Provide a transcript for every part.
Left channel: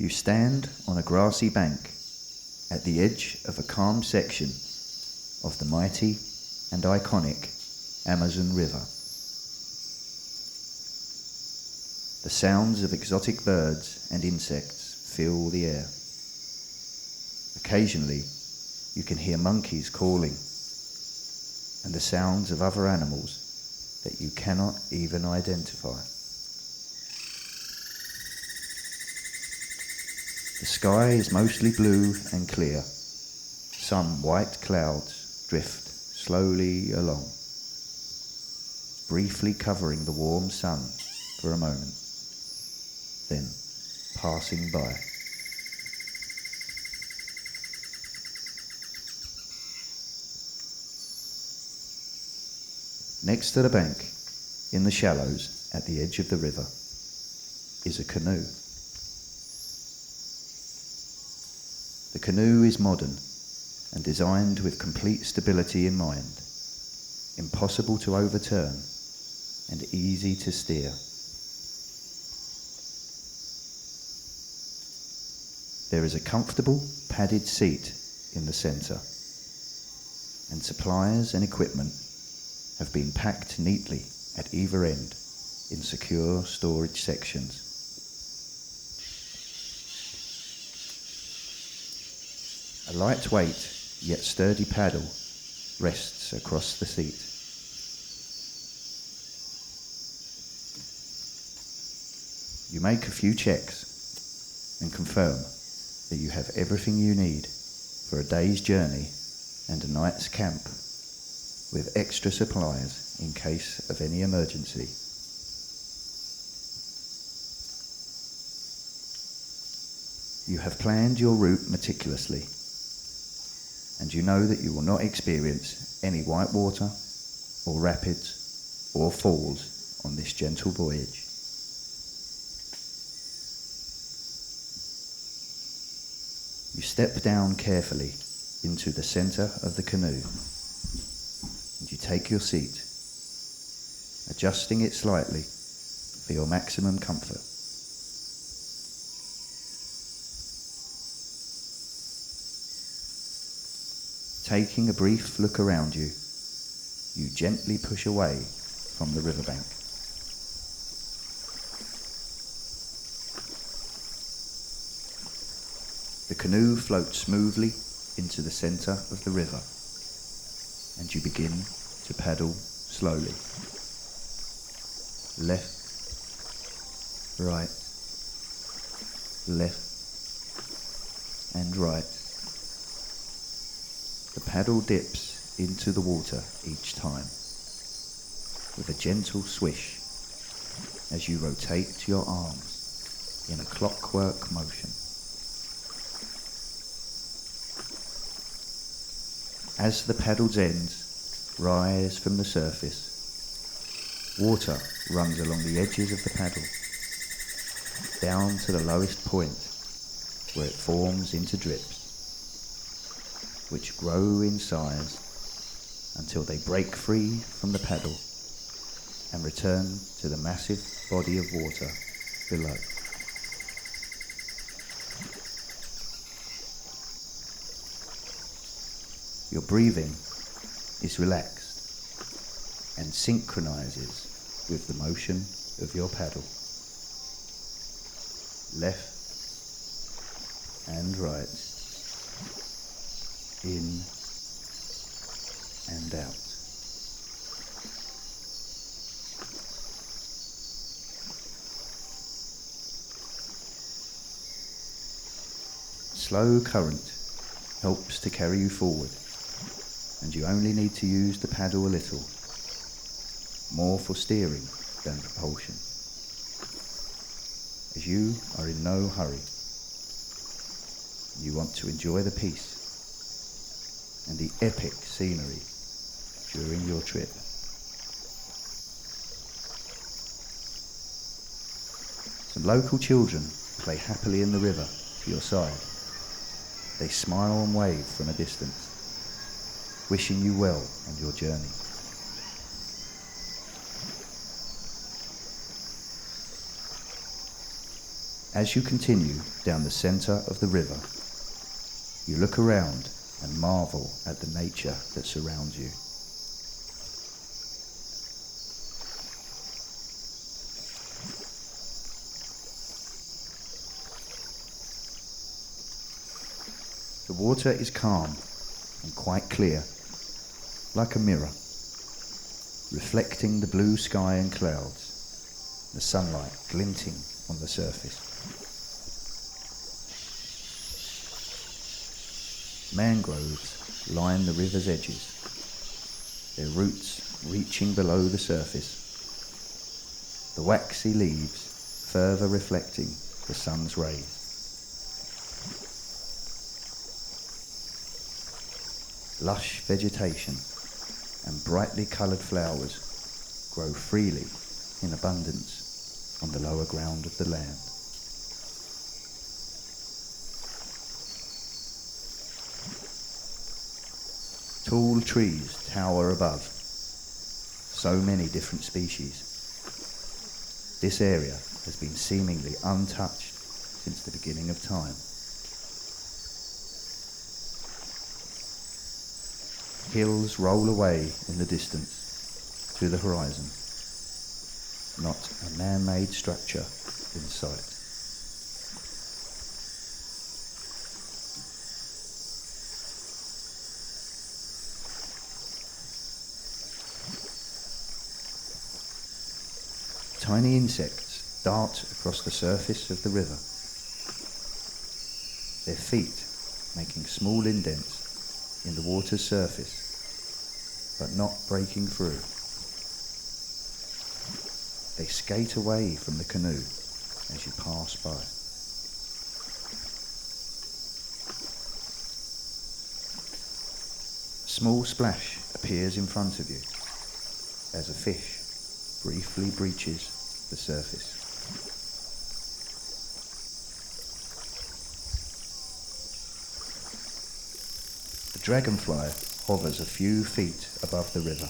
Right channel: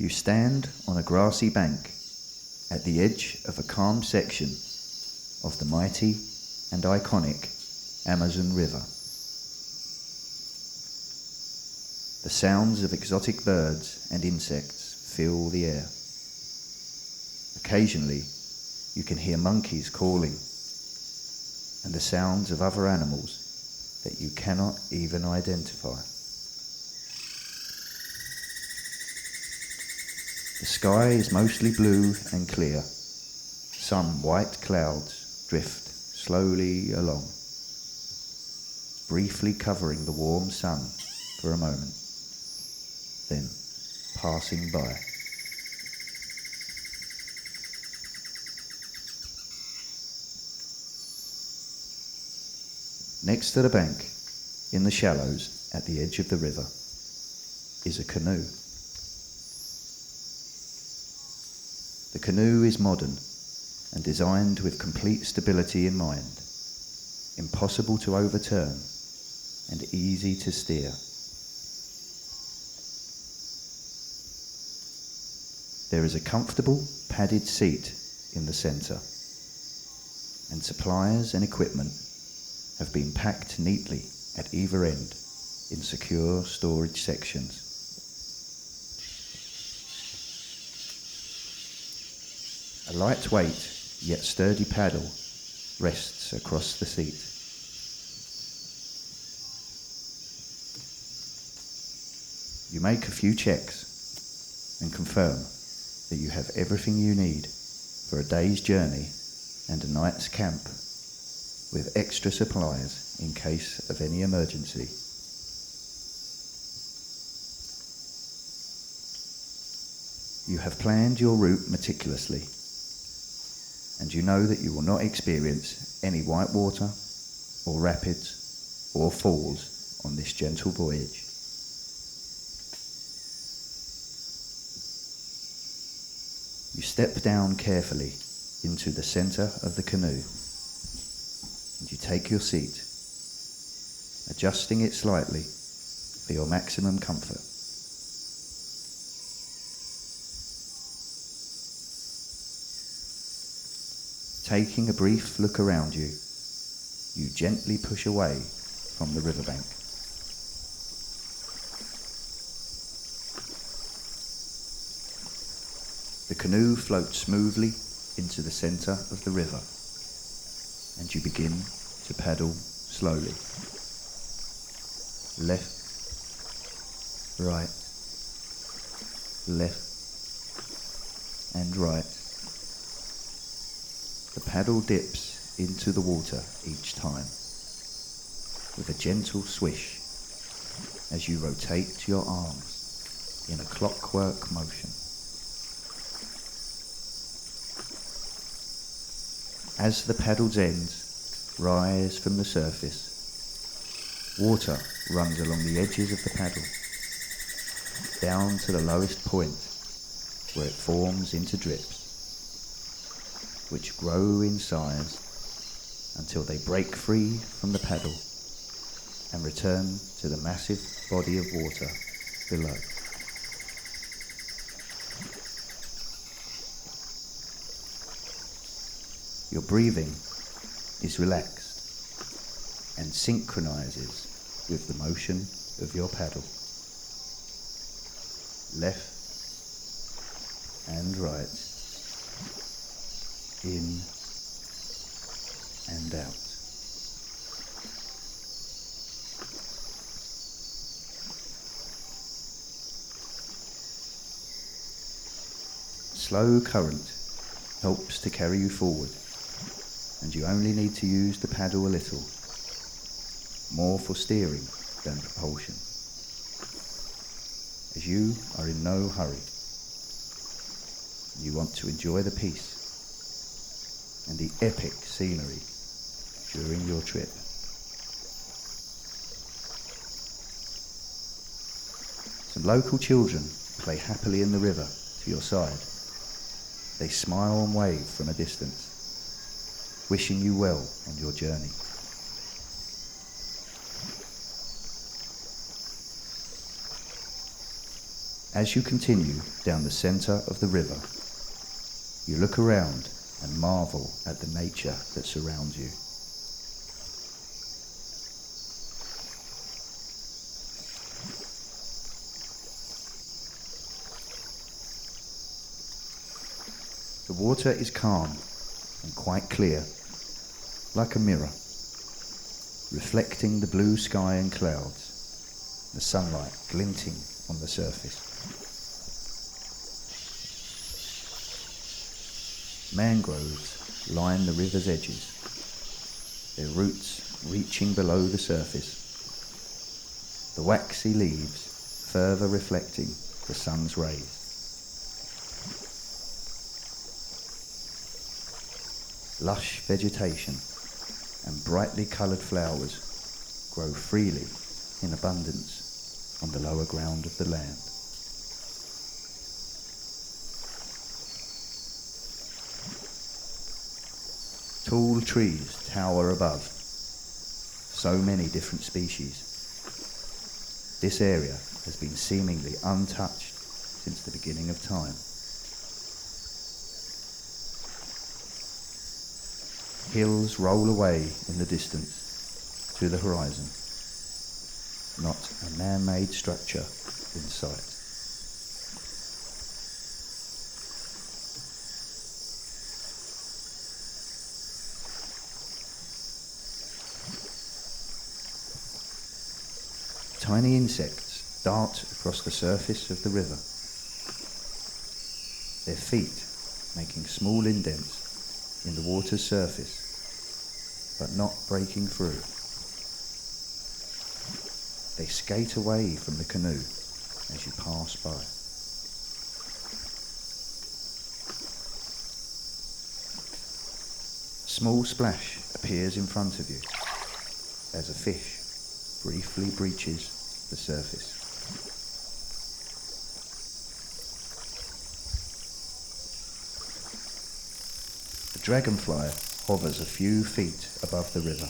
You stand on a grassy bank at the edge of a calm section of the mighty and iconic Amazon River. The sounds of exotic birds and insects fill the air. Occasionally, you can hear monkeys calling and the sounds of other animals that you cannot even identify. The sky is mostly blue and clear. Some white clouds drift slowly along, briefly covering the warm sun for a moment, then passing by. Next to the bank, in the shallows at the edge of the river, is a canoe. The canoe is modern and designed with complete stability in mind, impossible to overturn and easy to steer. There is a comfortable padded seat in the center, and supplies and equipment have been packed neatly at either end in secure storage sections. A lightweight yet sturdy paddle rests across the seat. You make a few checks and confirm that you have everything you need for a day's journey and a night's camp, with extra supplies in case of any emergency. You have planned your route meticulously, and you know that you will not experience any white water or rapids or falls on this gentle voyage. You step down carefully into the center of the canoe, and you take your seat, adjusting it slightly for your maximum comfort. Taking a brief look around you, you gently push away from the riverbank. The canoe floats smoothly into the center of the river, and you begin to paddle slowly. Left, right, left, and right. The paddle dips into the water each time, with a gentle swish as you rotate your arms in a clockwork motion. As the paddle's ends rise from the surface, water runs along the edges of the paddle, down to the lowest point where it forms into drips, which grow in size until they break free from the paddle and return to the massive body of water below. Your breathing is relaxed and synchronizes with the motion of your paddle. Left and right, in and out. Slow current helps to carry you forward, and you only need to use the paddle a little, more for steering than propulsion, as you are in no hurry. You want to enjoy the peace and the epic scenery during your trip. Some local children play happily in the river to your side. They smile and wave from a distance, wishing you well on your journey. As you continue down the center of the river, you look around and marvel at the nature that surrounds you. The water is calm and quite clear, like a mirror, reflecting the blue sky and clouds, the sunlight glinting on the surface. Mangroves line the river's edges, their roots reaching below the surface, the waxy leaves further reflecting the sun's rays. Lush vegetation and brightly coloured flowers grow freely in abundance on the lower ground of the land. Tall trees tower above, so many different species. This area has been seemingly untouched since the beginning of time. Hills roll away in the distance to the horizon, not a man-made structure in sight. Tiny insects dart across the surface of the river, their feet making small indents in the water's surface, but not breaking through. They skate away from the canoe as you pass by. A small splash appears in front of you as a fish briefly breaches the surface. A dragonfly hovers a few feet above the river.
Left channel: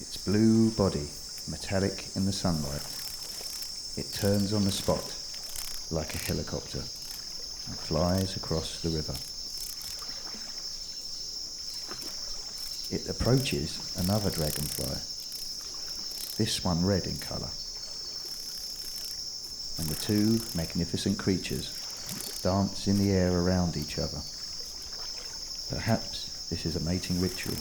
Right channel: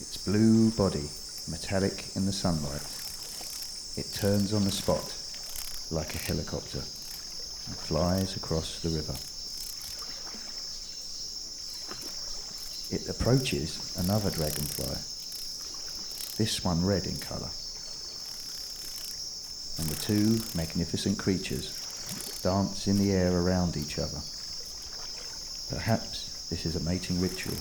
Its blue body metallic in the sunlight, it turns on the spot like a helicopter and flies across the river. It approaches another dragonfly, this one red in colour, and the two magnificent creatures dance in the air around each other. Perhaps this is a mating ritual.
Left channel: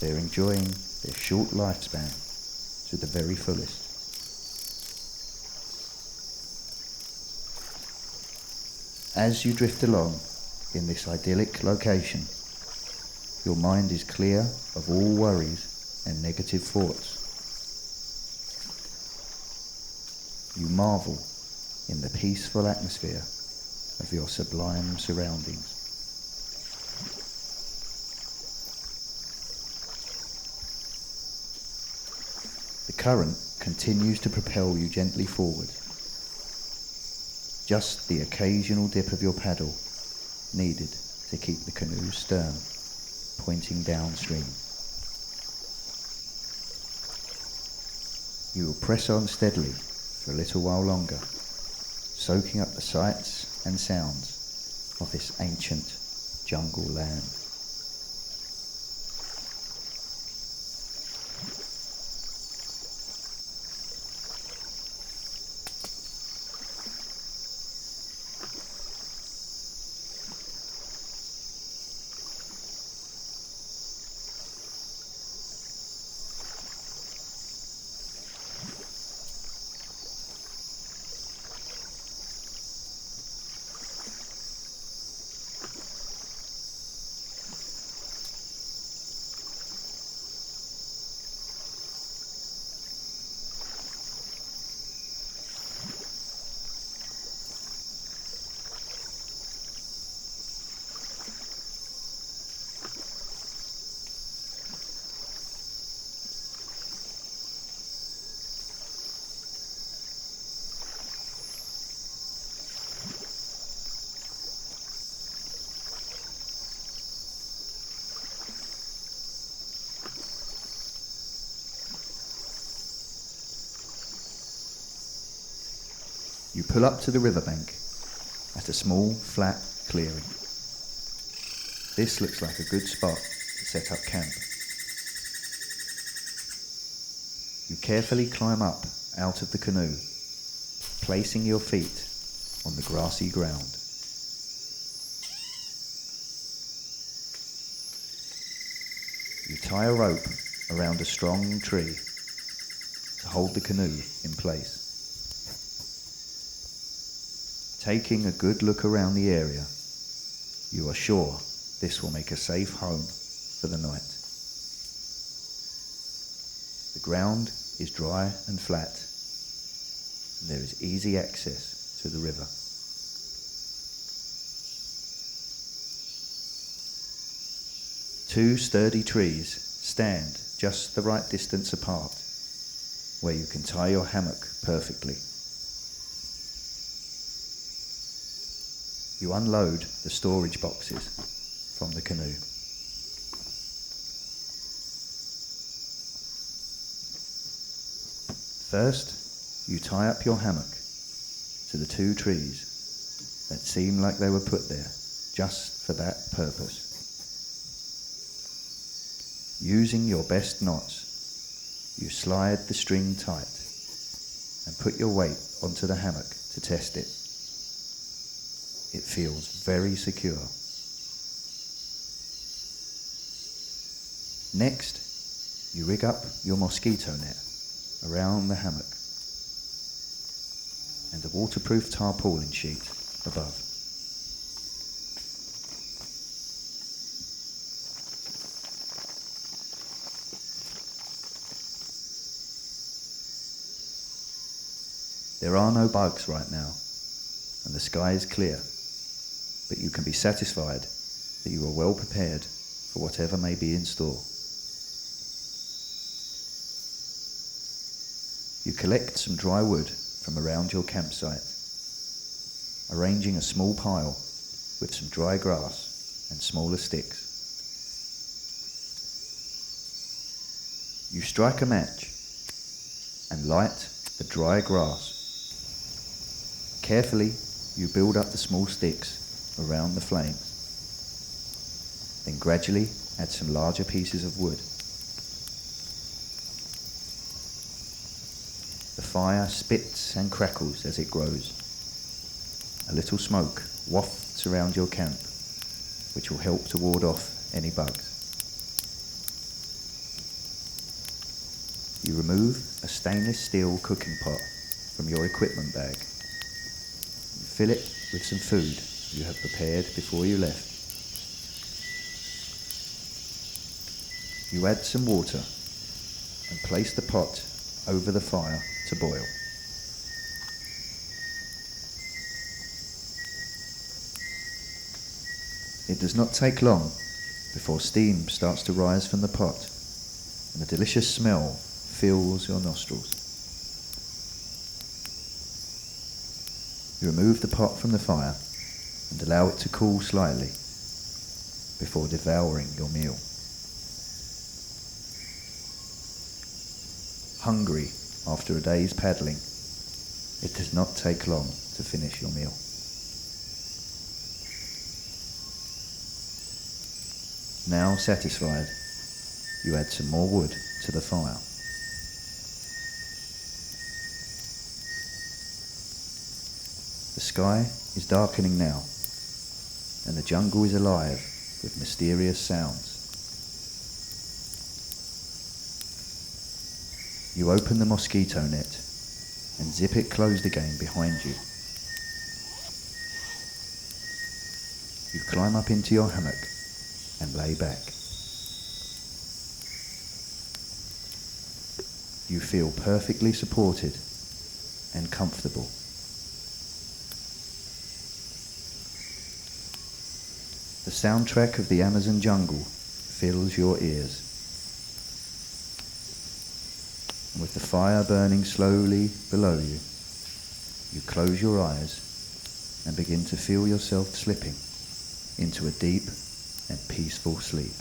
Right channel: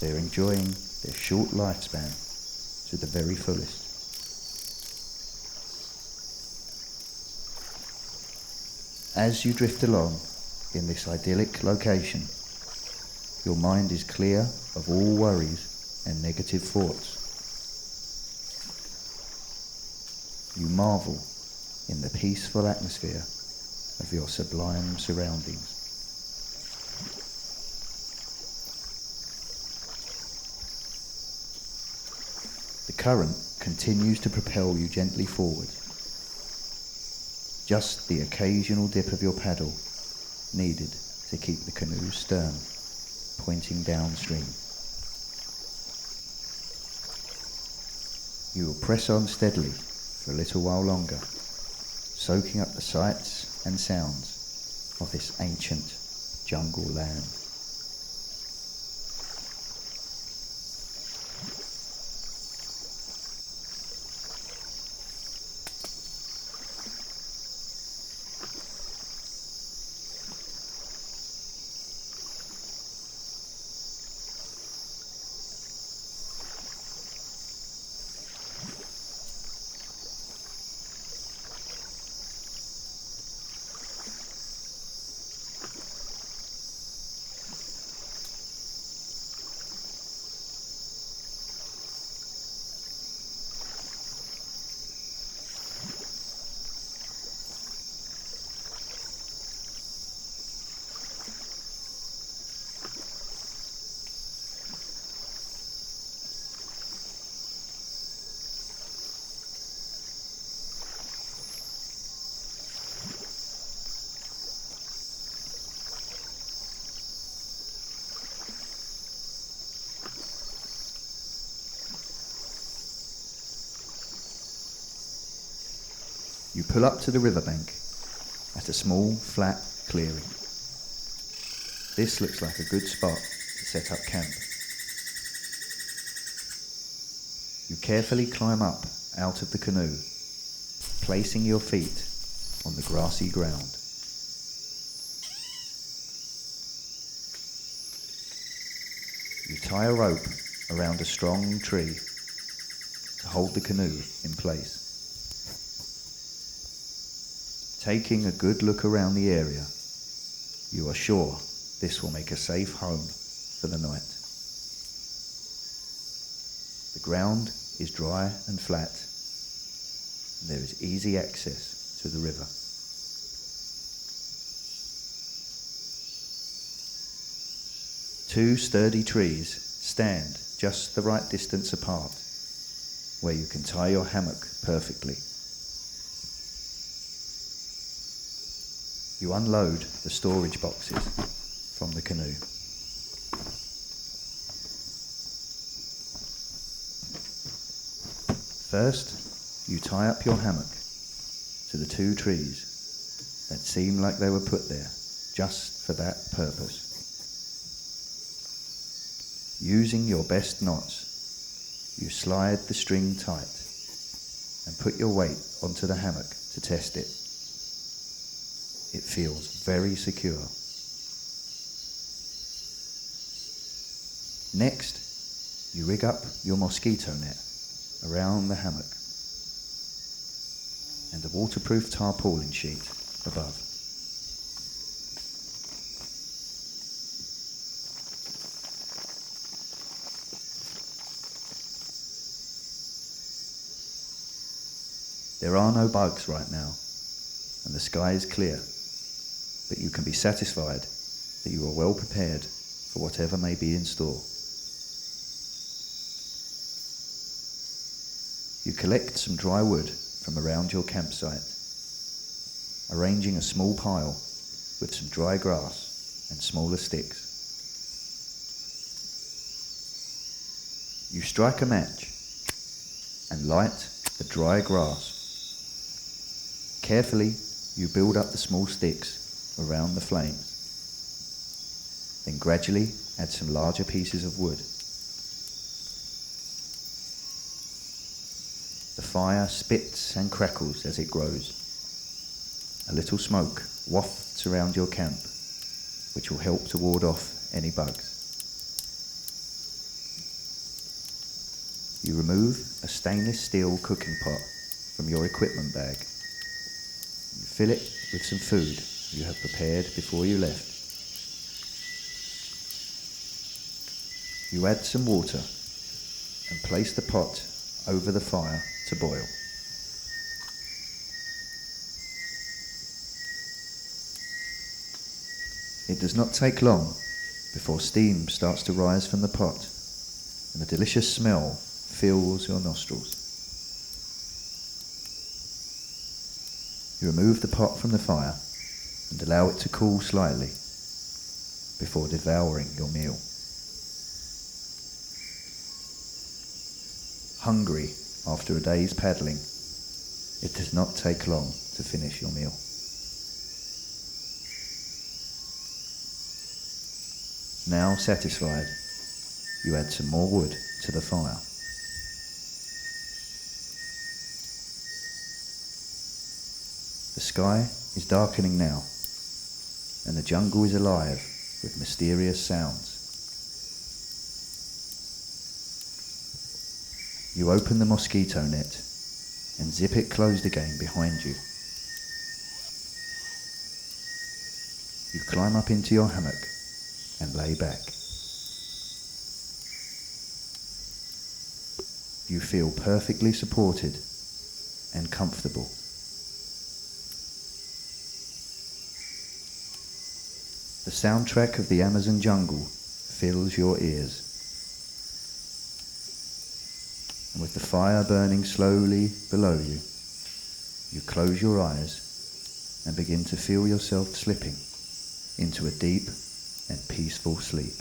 They're enjoying their short lifespan to the very fullest. As you drift along in this idyllic location, your mind is clear of all worries and negative thoughts. You marvel in the peaceful atmosphere of your sublime surroundings. The current continues to propel you gently forward. Just the occasional dip of your paddle needed to keep the canoe's stern pointing downstream. You will press on steadily for a little while longer, soaking up the sights and sounds of this ancient jungle land. You pull up to the riverbank at a small, flat clearing. This looks like a good spot to set up camp. You carefully climb up out of the canoe, placing your feet on the grassy ground. You tie a rope around a strong tree to hold the canoe in place. Taking a good look around the area, you are sure this will make a safe home for the night. The ground is dry and flat, and there is easy access to the river. Two sturdy trees stand just the right distance apart, where you can tie your hammock perfectly. You unload the storage boxes from the canoe. First, you tie up your hammock to the two trees that seem like they were put there just for that purpose. Using your best knots, you slide the string tight and put your weight onto the hammock to test it. It feels very secure. Next, you rig up your mosquito net around the hammock and a waterproof tarpaulin sheet above. There are no bugs right now, and the sky is clear, but you can be satisfied that you are well prepared for whatever may be in store. You collect some dry wood from around your campsite, arranging a small pile with some dry grass and smaller sticks. You strike a match and light the dry grass. Carefully, you build up the small sticks around the flames. Then gradually add some larger pieces of wood. The fire spits and crackles as it grows. A little smoke wafts around your camp, which will help to ward off any bugs. You remove a stainless steel cooking pot from your equipment bag. You fill it with some food you have prepared before you left. You add some water and place the pot over the fire to boil. It does not take long before steam starts to rise from the pot and a delicious smell fills your nostrils. You remove the pot from the fire and allow it to cool slightly before devouring your meal. Hungry after a day's paddling, it does not take long to finish your meal. Now satisfied, you add some more wood to the fire. The sky is darkening now, and the jungle is alive with mysterious sounds. You open the mosquito net and zip it closed again behind you. You climb up into your hammock and lay back. You feel perfectly supported and comfortable. The soundtrack of the Amazon jungle fills your ears. And with the fire burning slowly below you, you close your eyes and begin to feel yourself slipping into a deep and peaceful sleep.